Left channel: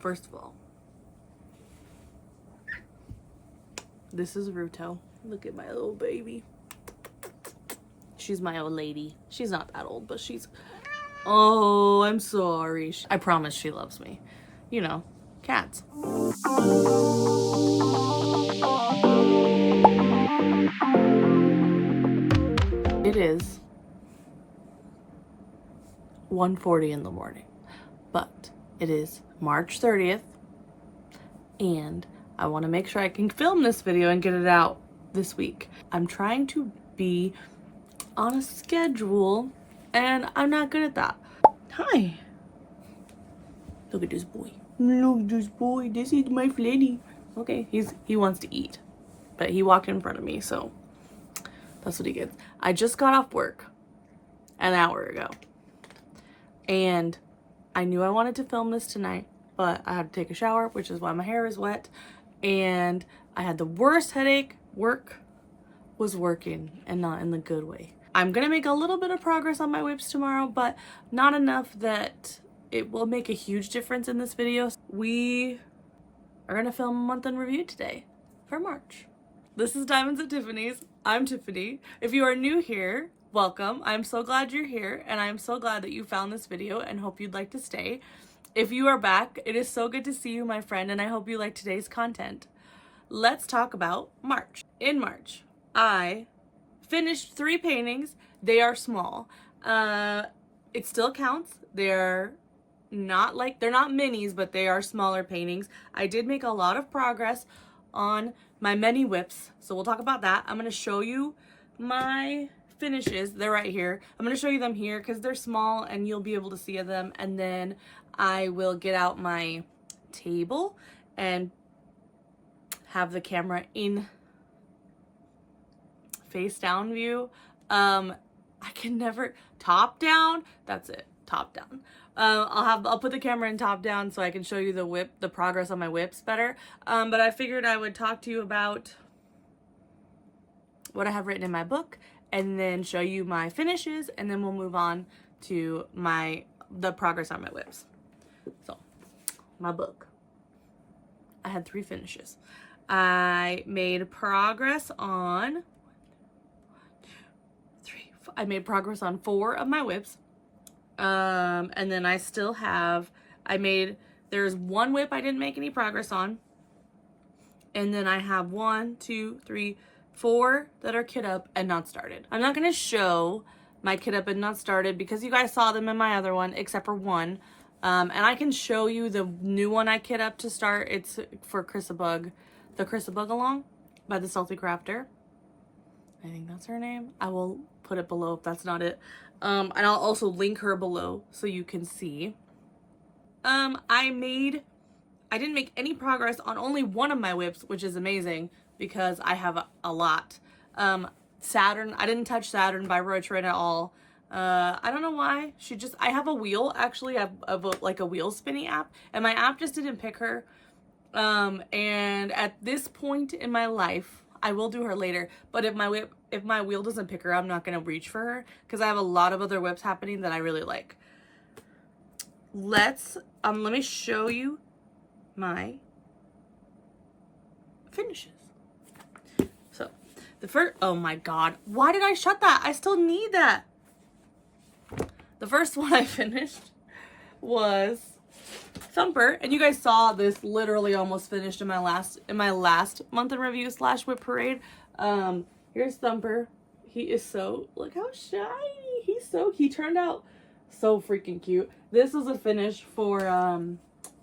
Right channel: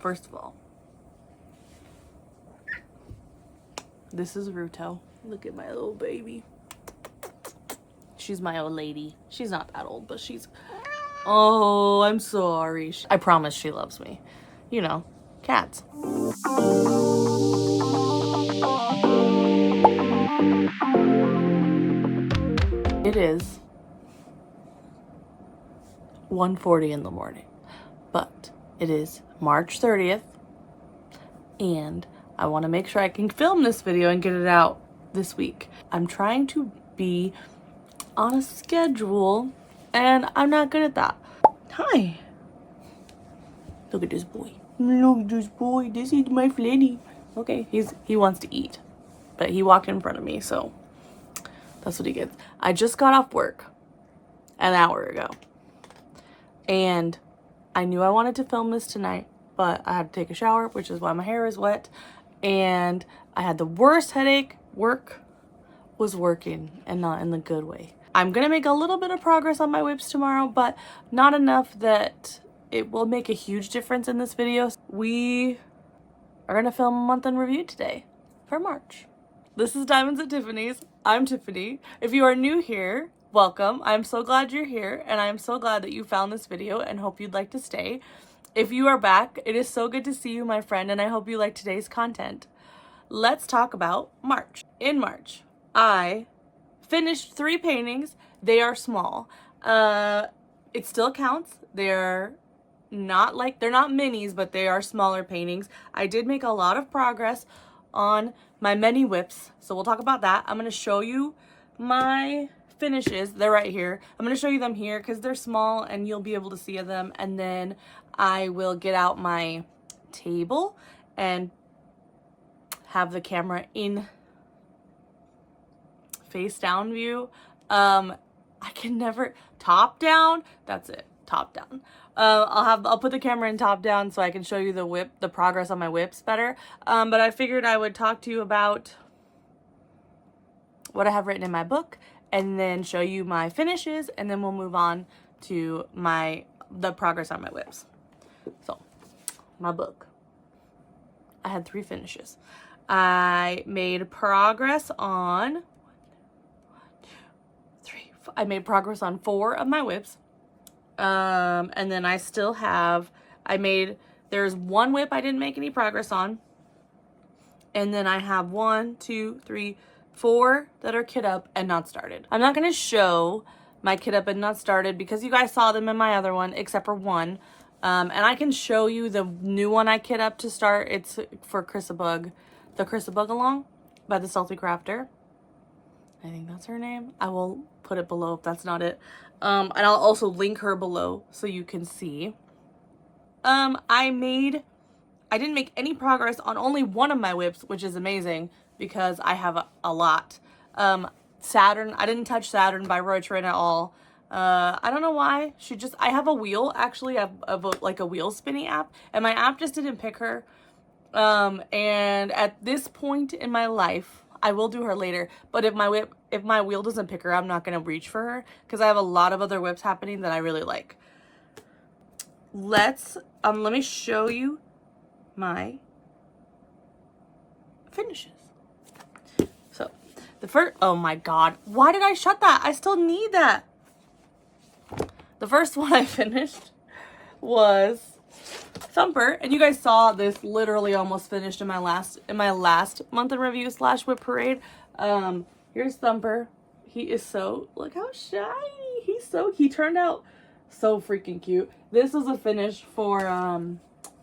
first of all, this is Ruto. Look at my little baby. She's my old lady. She's not that old, but she's... Oh, I'm sorry. I promise she loves me. You know, cats. It is 1:40 in the morning, but it is March 30th, and I want to make sure I can film this video and get it out this week. I'm trying to be on a schedule, and I'm not good at that. Hi. Look at this boy. Look at this boy. This is my Fleddy. Okay, he wants to eat, but he walked in front of me, so that's what he gets. I just got off work an hour ago, and I knew I wanted to film this tonight, but I had to take a shower, which is why my hair is wet, and I had the worst headache. Work was working, and not in the good way. I'm gonna make a little bit of progress on my WIPs tomorrow, but not enough that it will make a huge difference in this video. We are gonna film a month in review today for March. This is Diamonds at Tiffany's. I'm Tiffany. If you are new here, welcome. I'm so glad you're here, and I'm so glad that you found this video and hope you'd like to stay. If you are back, it is so good to see you, my friend, and I hope you like today's content. Let's talk about March. In March, I finished 3 paintings. They are small. It still counts. They're not minis, but they are smaller paintings. I did make a lot of progress on my mini WIPs, so we'll talk about that. I'm going to show you my finishes. They're right here. I'm going to show you them here because they're small and you'll be able to see them, and then I will get out my table and have the camera in face down view. I can never top down. That's it. Top down. I'll put the camera in top down so I can show you the progress on my WIPs better. But I figured I would talk to you about what I have written in my book and then show you my finishes, and then we'll move on to the progress on my WIPs. So, my book. I had 3 finishes. I made progress on 4 of my WIPs. And then I still have, there's 1 WIP I didn't make any progress on. And then I have 1, 2, 3, 4 that are kit up and not started. I'm not going to show my kit up and not started because you guys saw them in my other one, except for 1. And I can show you the new one I kit up to start. It's for Chrissabug, the Chrissabug Along by the Salty Crafter. I think that's her name. I will put it below if that's not it. And I'll also link her below so you can see. I didn't make any progress on only 1 of my WIPs, which is amazing because I have a lot. Saturn, I didn't touch Saturn by Roy Trin at all. I don't know why. I have a wheel, actually. I have like a wheel spinning app, and my app just didn't pick her. And at this point in my life, I will do her later, but if my wheel doesn't pick her, I'm not going to reach for her because I have a lot of other WIPs happening that I really like. Let me show you my finishes. So, the first, oh my God, why did I shut that? I still need that. The first one I finished was Thumper, and you guys saw this literally almost finished in my last month in review / WIP Parade. Here's Thumper. He is look how shiny. He turned out so freaking cute. This was a finish for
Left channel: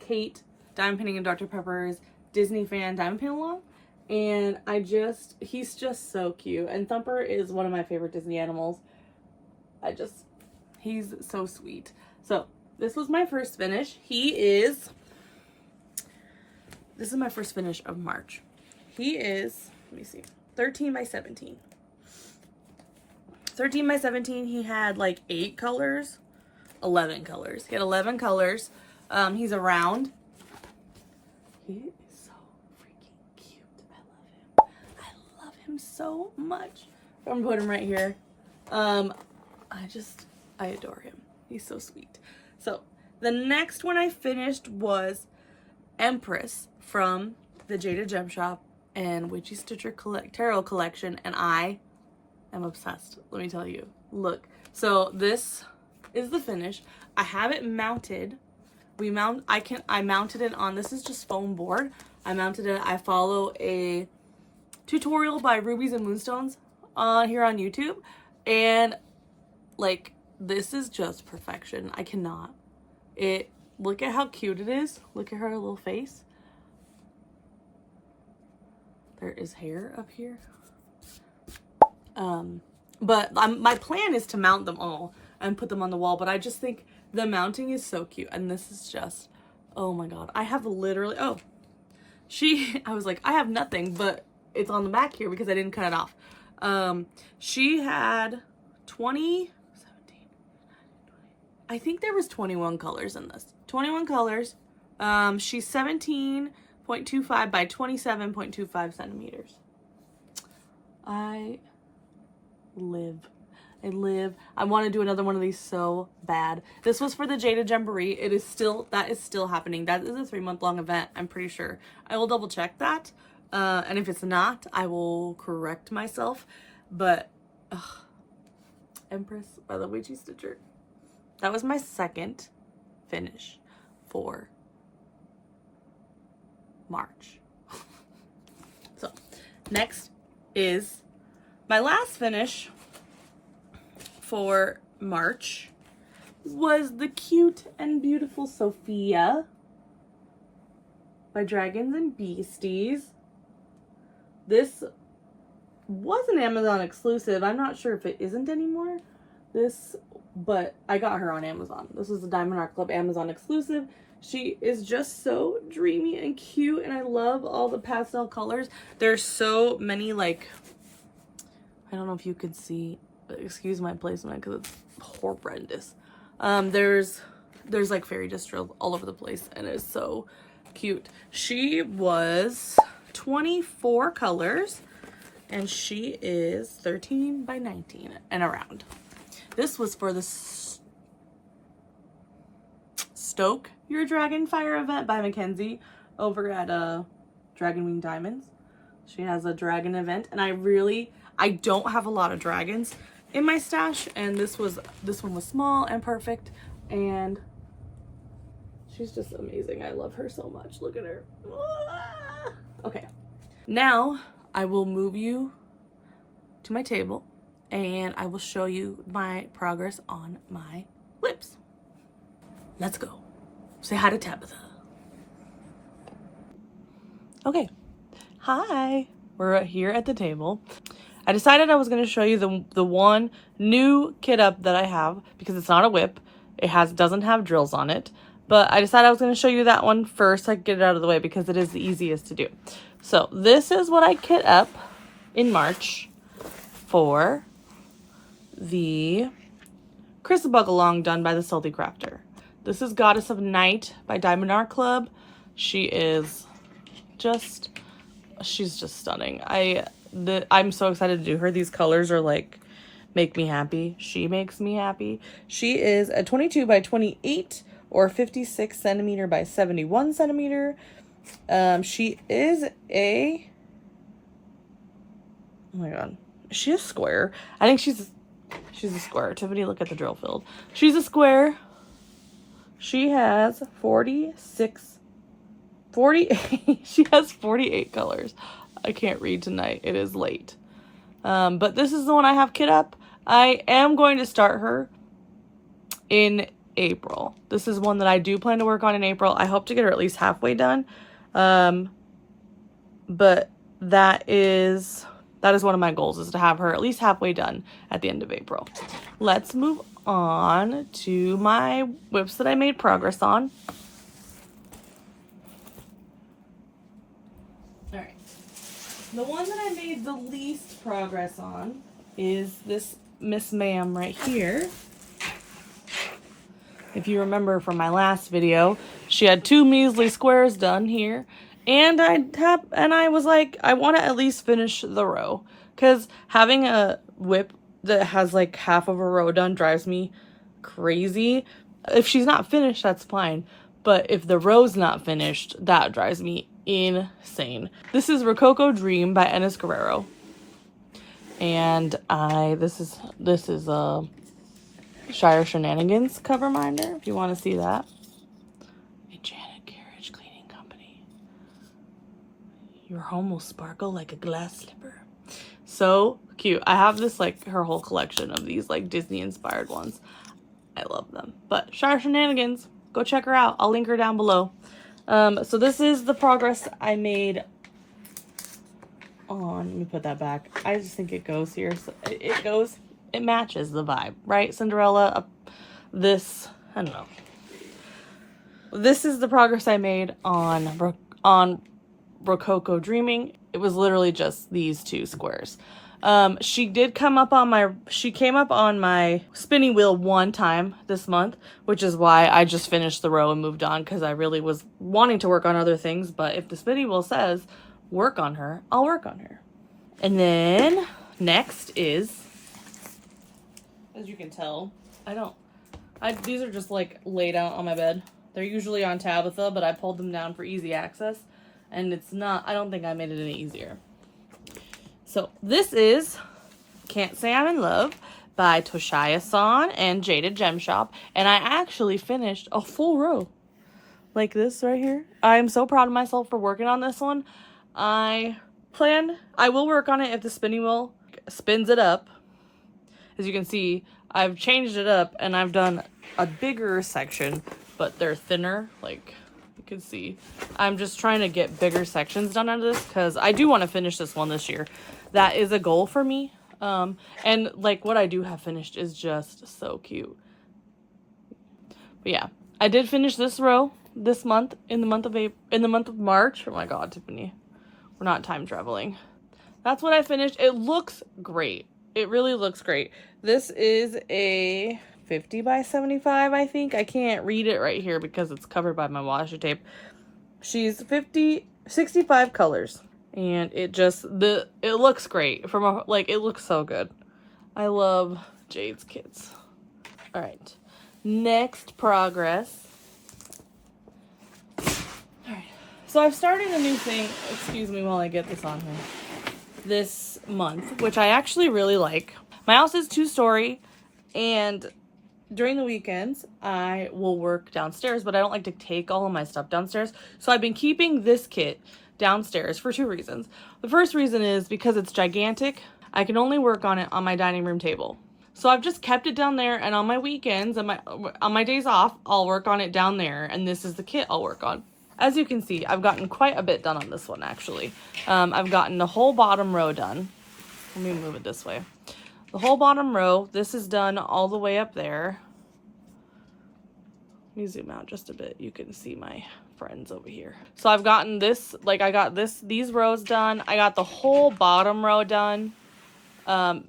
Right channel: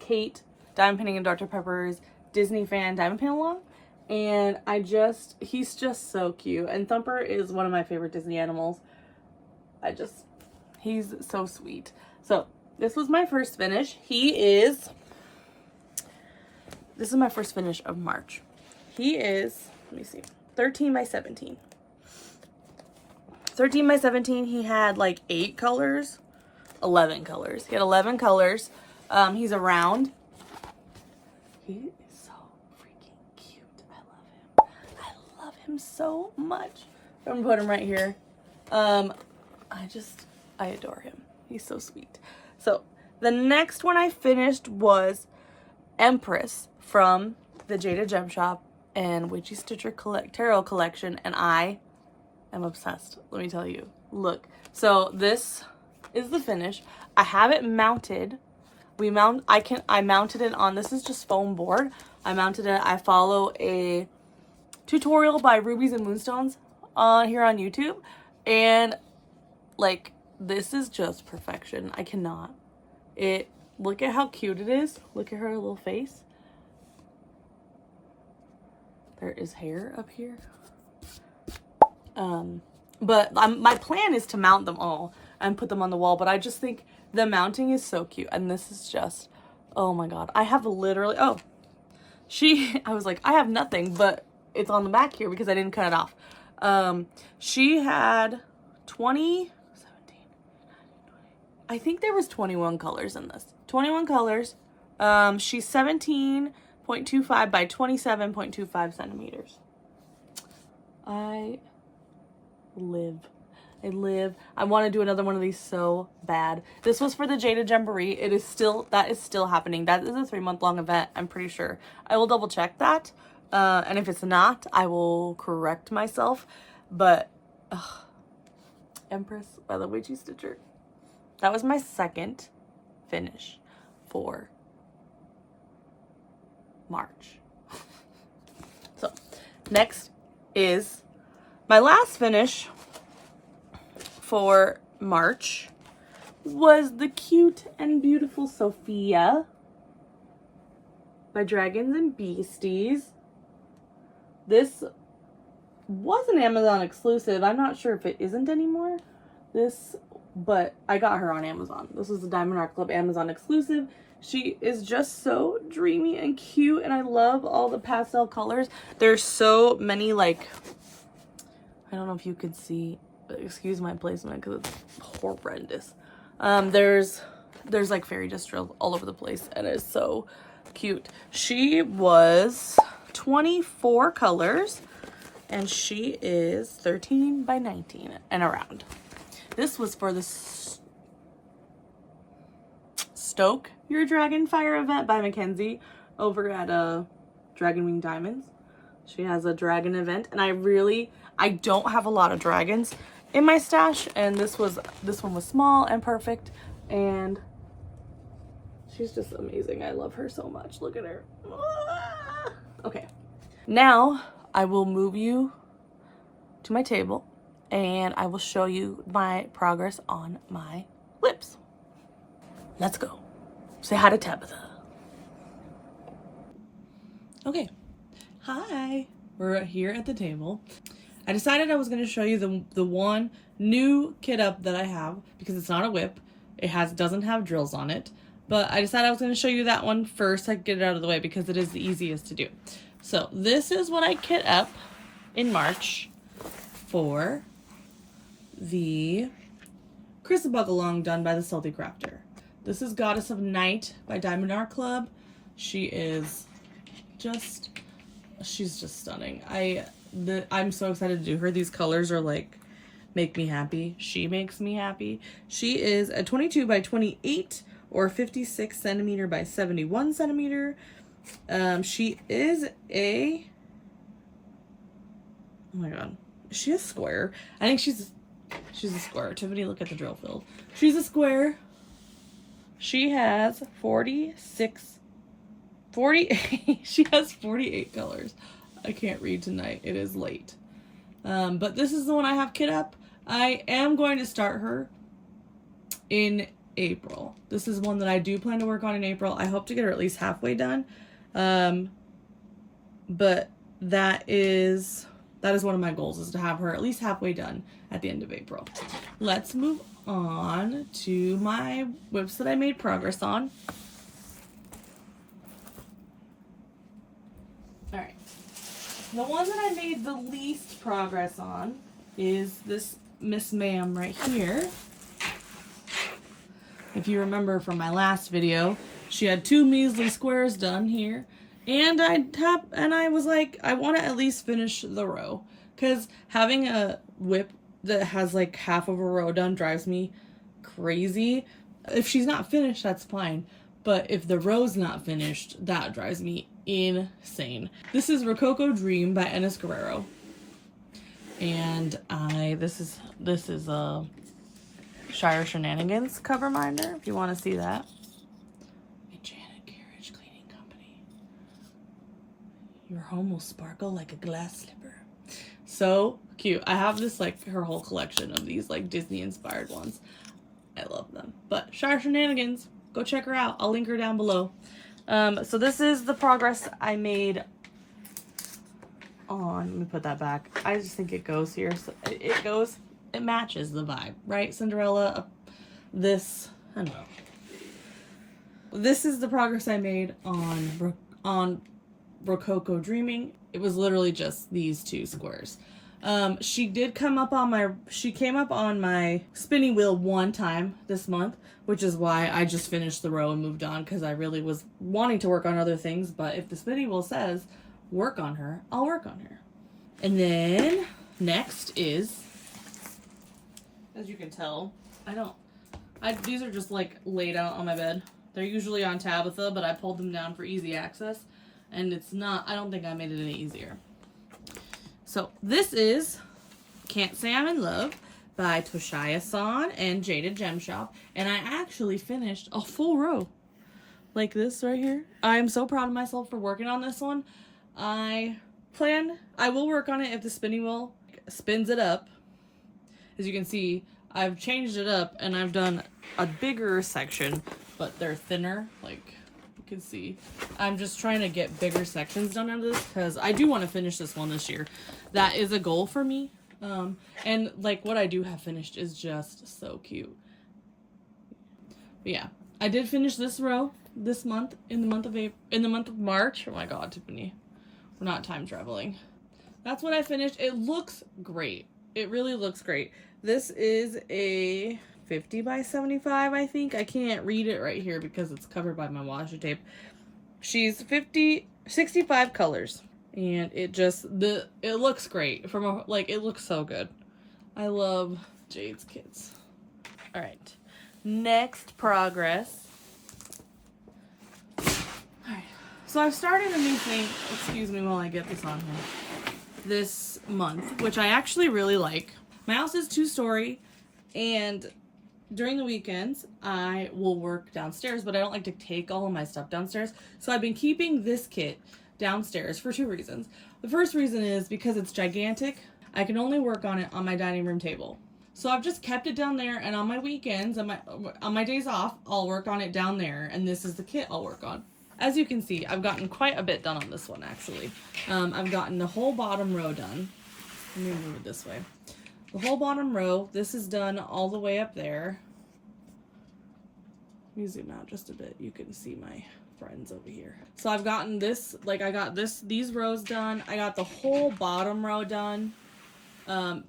Cait, Diamond Painting and Dr. Pepper's Disney fan Diamond Painting Along. And he's just so cute. And Thumper is one of my favorite Disney animals. He's so sweet. So, this was my first finish. This is my first finish of March. He is, let me see, 13 by 17. 13 by 17, he had like 8 colors, 11 colors. He had 11 colors. He's a round. He is so freaking cute. I love him. I love him so much. I'm gonna put him right here. I adore him. He's so sweet. So the next one I finished was Empress from the Jada Gem Shop and Witchy Stitcher Tarot Collection, and I am obsessed, let me tell you. Look, so this is the finish. I have it mounted. I mounted it on, this is just foam board. I mounted it, I follow a tutorial by Rubies and Moonstones here on YouTube, and like, this is just perfection. I cannot. Look at how cute it is. Look at her little face. There is hair up here. But my plan is to mount them all and put them on the wall, but I just think the mounting is so cute, and this is just, oh my god. I have literally, I was like, I have nothing, but it's on the back here because I didn't cut it off. She had 17, I think there was 21 colors in this. 21 colors. She's 17.25 by 27.25 centimeters. I want to do another one of these so bad. This was for the Jada Jamboree. That is still happening. That is a 3-month-long event, I'm pretty sure. I will double check that. And if it's not, I will correct myself. But, Empress by the Witchy Stitcher. That was my second finish for March. So, next is my last finish for March was the cute and beautiful Sophia by Dragons and Beasties. This was an Amazon exclusive. I'm not sure if it isn't anymore. But I got her on Amazon. This is a Diamond Art Club Amazon exclusive. She is just so dreamy and cute, and I love all the pastel colors. There's so many, like, I don't know if you can see, excuse my placement because it's horrendous. There's like fairy dust drills all over the place, and it's so cute. She was 24 colors, and she is 13 by 19 and around. This was for the Stoke Your Dragonfire event by Mackenzie over at Dragon Wing Diamonds. She has a dragon event, and I don't have a lot of dragons in my stash, and this one was small and perfect, and she's just amazing. I love her so much. Look at her. Okay, now I will move you to my table, and I will show you my progress on my WIPs. Let's go. Say hi to Tabitha. Okay. Hi. We're here at the table. I decided I was going to show you the one new kit up that I have because it's not a WIP. It doesn't have drills on it. But I decided I was going to show you that one first. I could get it out of the way because it is the easiest to do. So this is what I kit up in March for the Chrissabug Along done by the Salty Crafter. This is Goddess of Night by Diamond Art Club. She's just stunning. I'm so excited to do her. These colors are like, make me happy. She makes me happy. She is a 22 by 28 or 56 centimeter by 71 centimeter. She is a, oh my god, is she a square? I think she's a square. Tiffany, look at the drill field. She's a square. She has she has 48 colors. I can't read tonight. It is late. But this is the one I have kit up. I am going to start her in April. This is one that I do plan to work on in April. I hope to get her at least halfway done. But that is one of my goals, is to have her at least halfway done at the end of April. Let's move on to my WIPs that I made progress on. All right. The one that I made the least progress on is this Miss Ma'am right here. If you remember from my last video, she had 2 measly squares done here. And I was like, I want to at least finish the row. Because having a WIP that has like half of a row done drives me crazy. If she's not finished, that's fine. But if the row's not finished, that drives me insane. This is Rococo Dream by Enes Guerrero. And this is a Shire Shenanigans cover minder, if you want to see that. A Janet Carriage Cleaning Company. Your home will sparkle like a glass slipper. So cute. I have this, like, her whole collection of these, like, Disney inspired ones. I love them. But Shire Shenanigans, go check her out. I'll link her down below. So this is the progress I made on, let me put that back. I just think it goes here. So it matches the vibe, right? Cinderella, this, I don't know. This is the progress I made on Rococo Dreaming. It was literally just these 2 squares. She came up on my spinning wheel 1 time this month, which is why I just finished the row and moved on, because I really was wanting to work on other things. But if the spinning wheel says work on her, I'll work on her. And then next is, as you can tell, these are just like laid out on my bed. They're usually on Tabitha, but I pulled them down for easy access. And it's not, I don't think I made it any easier. So this is Can't Say I'm in Love by Toshia-san and Jaded Gem Shop. And I actually finished a full row like this right here. I am so proud of myself for working on this one. I will work on it if the spinning wheel spins it up. As you can see, I've changed it up and I've done a bigger section, but they're thinner, like you can see. I'm just trying to get bigger sections done out of this because I do want to finish this one this year. That is a goal for me. And like what I do have finished is just so cute. But yeah, I did finish this row this month in the month of March. Oh my God, Tiffany, we're not time traveling. That's what I finished. It looks great. It really looks great. This is a 50 by 75, I think. I can't read it right here because it's covered by my washi tape. She's 65 colors. And it looks great. It looks so good. I love Jade's kits. All right. Next progress. All right. So I've started a new thing. Excuse me while I get this on here. This month, which I actually really like. My house is 2-story, and during the weekends I will work downstairs, but I don't like to take all of my stuff downstairs. So I've been keeping this kit downstairs for 2 reasons. The first reason is because it's gigantic. I can only work on it on my dining room table. So I've just kept it down there, and on my weekends and on my days off, I'll work on it down there, and this is the kit I'll work on. As you can see, I've gotten quite a bit done on this one, actually. I've gotten the whole bottom row done. Let me move it this way. The whole bottom row, this is done all the way up there. Let me zoom out just a bit. You can see my friends over here. So I've gotten this, I got these rows done. I got the whole bottom row done.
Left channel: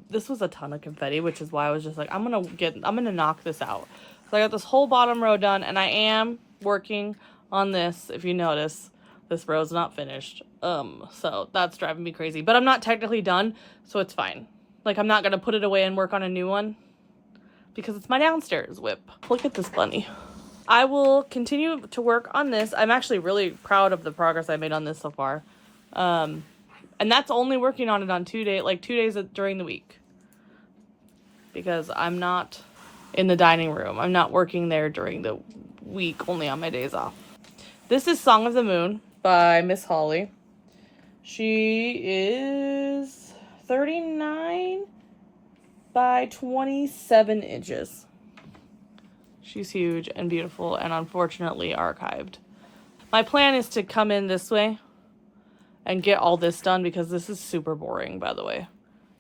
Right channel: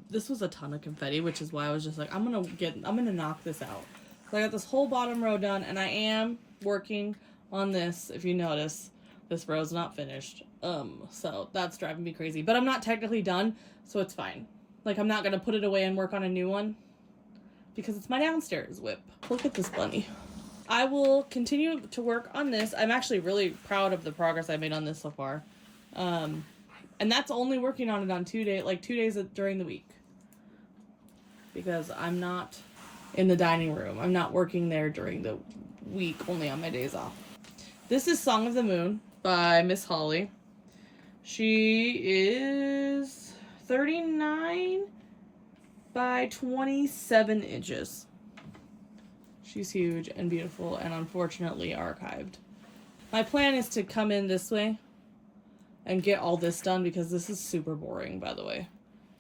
This was a ton of confetti, which is why I was just like, I'm gonna knock this out. So I got this whole bottom row done, and I am working on this. If you notice, this row's not finished. So that's driving me crazy. But I'm not technically done, so it's fine. Like, I'm not gonna put it away and work on a new one because it's my downstairs WIP. Look at this bunny. I will continue to work on this. I'm actually really proud of the progress I made on this so far. And that's only working on it on 2 days during the week. Because I'm not in the dining room. I'm not working there during the week, only on my days off. This is Song of the Moon by Miss Holly. She is 39 by 27 inches. She's huge and beautiful and unfortunately archived. My plan is to come in this way and get all this done because this is super boring, by the way.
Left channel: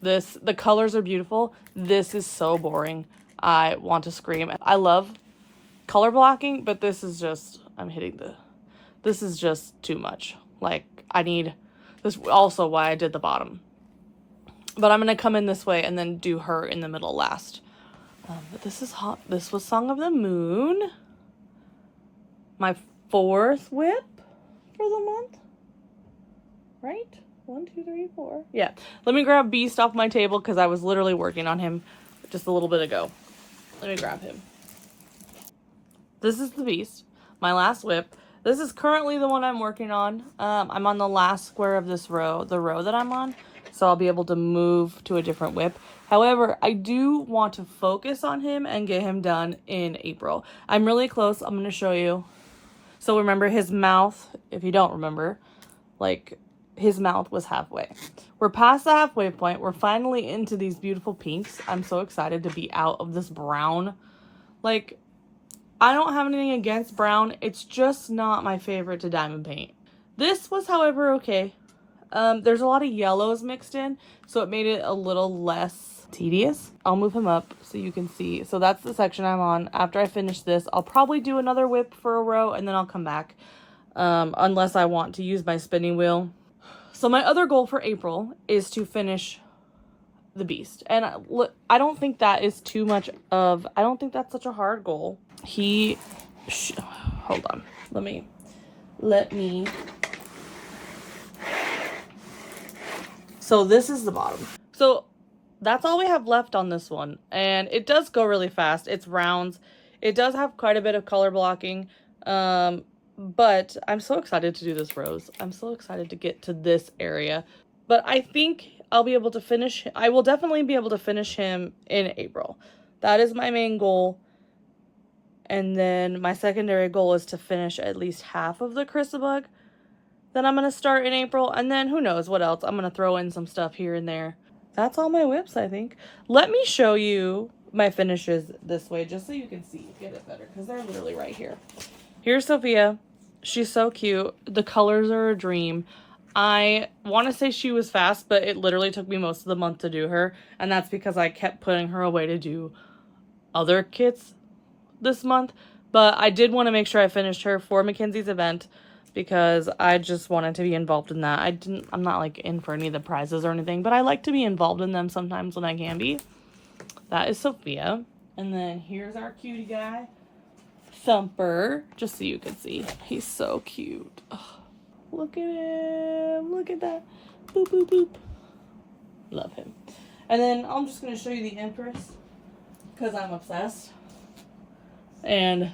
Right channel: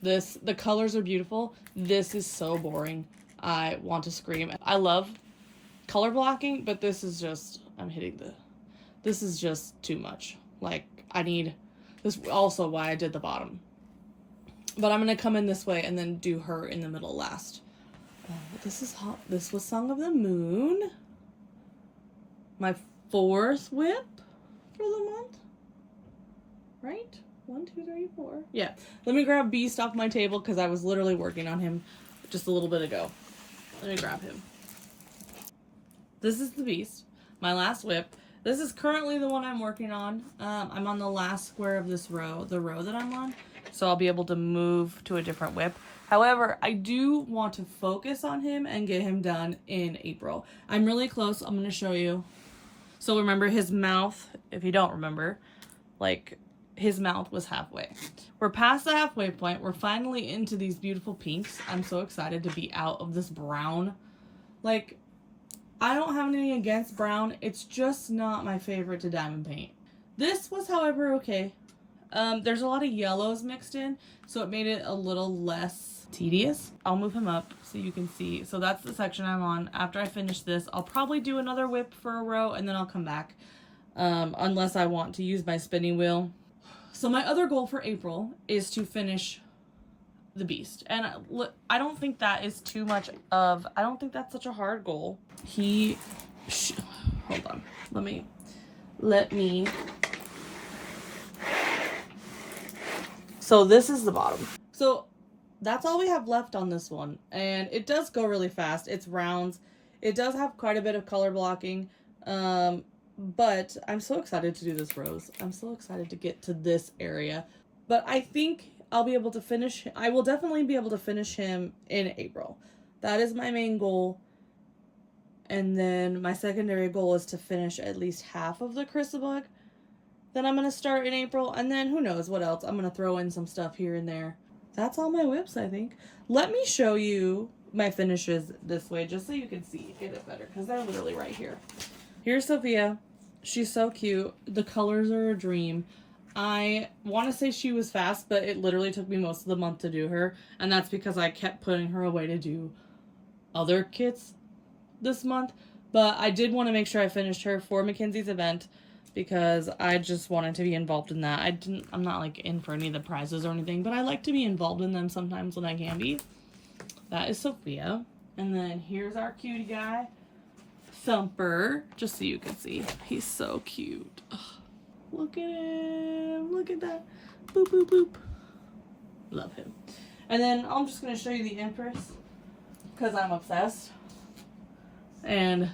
The colors are beautiful. This is so boring. I want to scream. I love color blocking, but this is just, this is just too much. Like, I need, this is also why I did the bottom. But I'm going to come in this way and then do her in the middle last. But this is hot. This was Song of the Moon. My 4th WIP for the month. Right? 1, 2, 3, 4. Yeah. Let me grab Beast off my table because I was literally working on him just a little bit ago. Let me grab him. This is the Beast. my last whip. This is currently the one I'm working on. I'm on the last square of this row, the row that I'm on, so I'll be able to move to a different whip. However, I do want to focus on him and get him done in April. I'm really close. I'm going to show you. So remember his mouth, if you don't remember, like his mouth was halfway. We're past the halfway point. We're finally into these beautiful pinks. I'm so excited to be out of this brown. Like, I don't have anything against brown. It's just not my favorite to diamond paint. This was, however, okay. There's a lot of yellows mixed in, so it made it a little less tedious. I'll move him up so you can see. So that's the section I'm on. After I finish this, I'll probably do another whip for a row, and then I'll come back, unless I want to use my spinning wheel. So my other goal for April is to finish the beast. And I don't think that is too much of, I don't think that's such a hard goal. Hold on. Let me. So this is the bottom. So that's all we have left on this one. And it does go really fast. It's rounds. It does have quite a bit of color blocking. But I'm so excited to do this rose. I'm so excited to get to this area. But I think I'll be able to finish. I will definitely be able to finish him in April. That is my main goal. And then my secondary goal is to finish at least half of the Chrissabug. Then I'm going to start in April. And then who knows what else. I'm going to throw in some stuff here and there. That's all my whips, I think. Let me show you my finishes this way just so you can see. Get it better because they're literally right here. Here's Sophia. She's so cute. The colors are a dream. I want to say she was fast, but it literally took me most of the month to do her. And that's because I kept putting her away to do other kits this month. But I did want to make sure I finished her for Mackenzie's event because I just wanted to be involved in that. I'm not like in for any of the prizes or anything, but I like to be involved in them sometimes when I can be. That is Sophia. And then here's our cutie guy, Thumper, just so you can see. He's so cute. Ugh. Look at him. Look at that. Boop, boop, boop. Love him. And then I'm just going to show you the Empress because I'm obsessed. And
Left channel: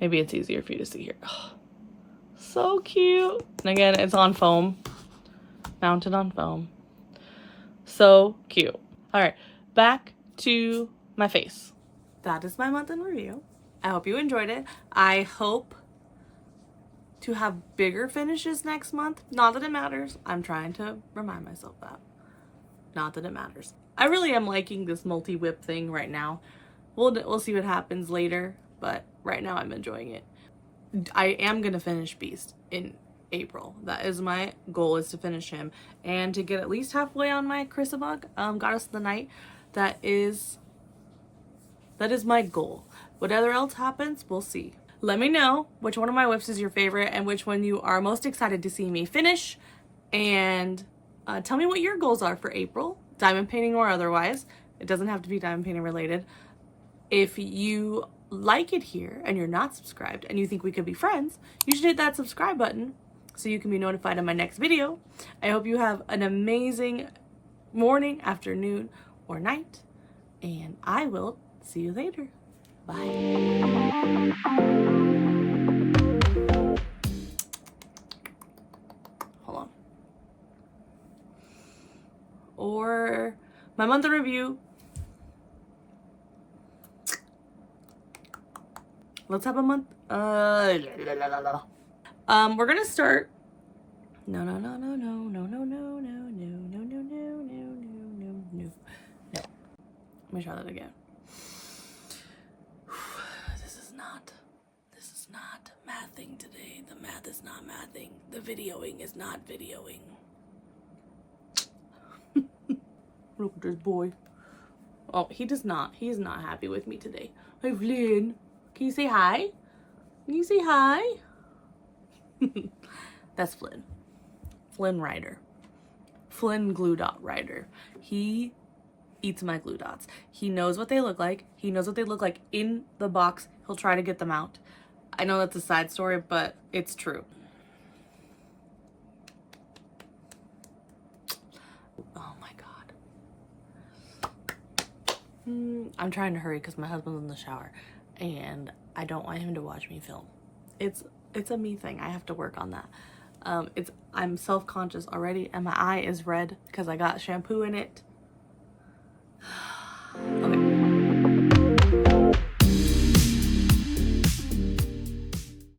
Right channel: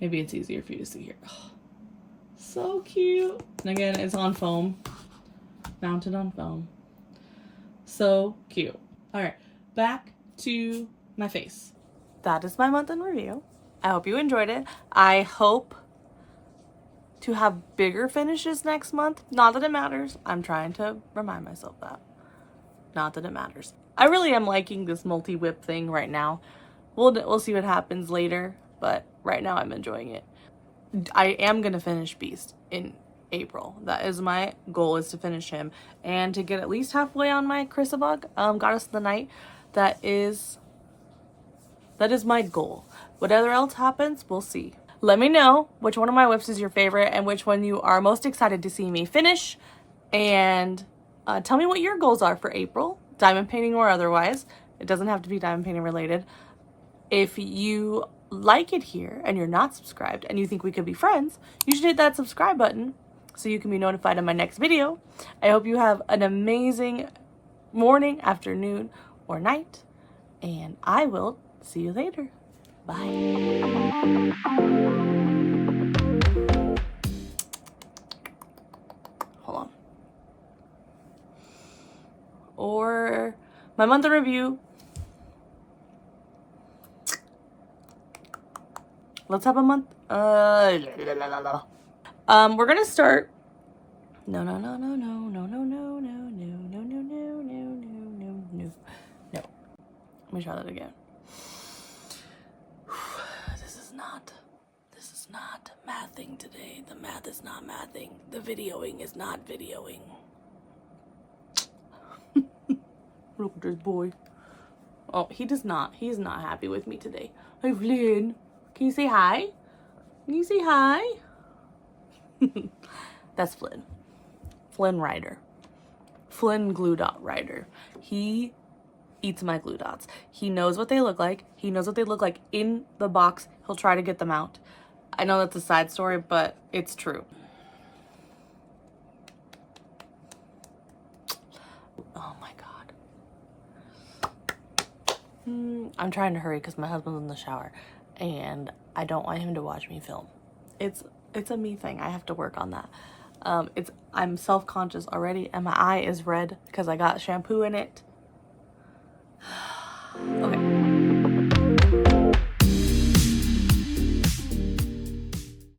maybe it's easier for you to see here. Ugh. So cute. And again, it's on foam. Mounted on foam. So cute. All right. Back to my face. That is my month in review. I hope you enjoyed it. I hope to have bigger finishes next month. Not that it matters. I'm trying to remind myself that. Not that it matters. I really am liking this multi-whip thing right now. We'll see what happens later, but right now I'm enjoying it. I am going to finish Beast in April. That is my goal, is to finish him and to get at least halfway on my Chrissabug, Goddess of the Night. That is my goal. Whatever else happens, we'll see. Let me know which one of my whips is your favorite and which one you are most excited to see me finish. And tell me what your goals are for April, diamond painting or otherwise. It doesn't have to be diamond painting related. If you like it here and you're not subscribed and you think we could be friends, you should hit that subscribe button so you can be notified of my next video. I hope you have an amazing morning, afternoon, or night. And I will see you later. Bye. Hold on. Or my month in review. Let's have a month. We're gonna start. No. Let me try that again. This is not mathing today. The math is not mathing. The videoing is not videoing. Look at this boy. Oh, he's not happy with me today. Hey, Flynn. Can you say hi? Can you say hi? That's Flynn. Flynn Rider. Flynn Glue Dot Rider. He eats my glue dots. He knows what they look like. He knows what they look like in the box. He'll try to get them out. I know that's a side story, but it's true. Oh my God. I'm trying to hurry because my husband's in the shower and I don't want him to watch me film. it's a me thing. I have to work on that. I'm self-conscious already, and my eye is red because I got shampoo in it.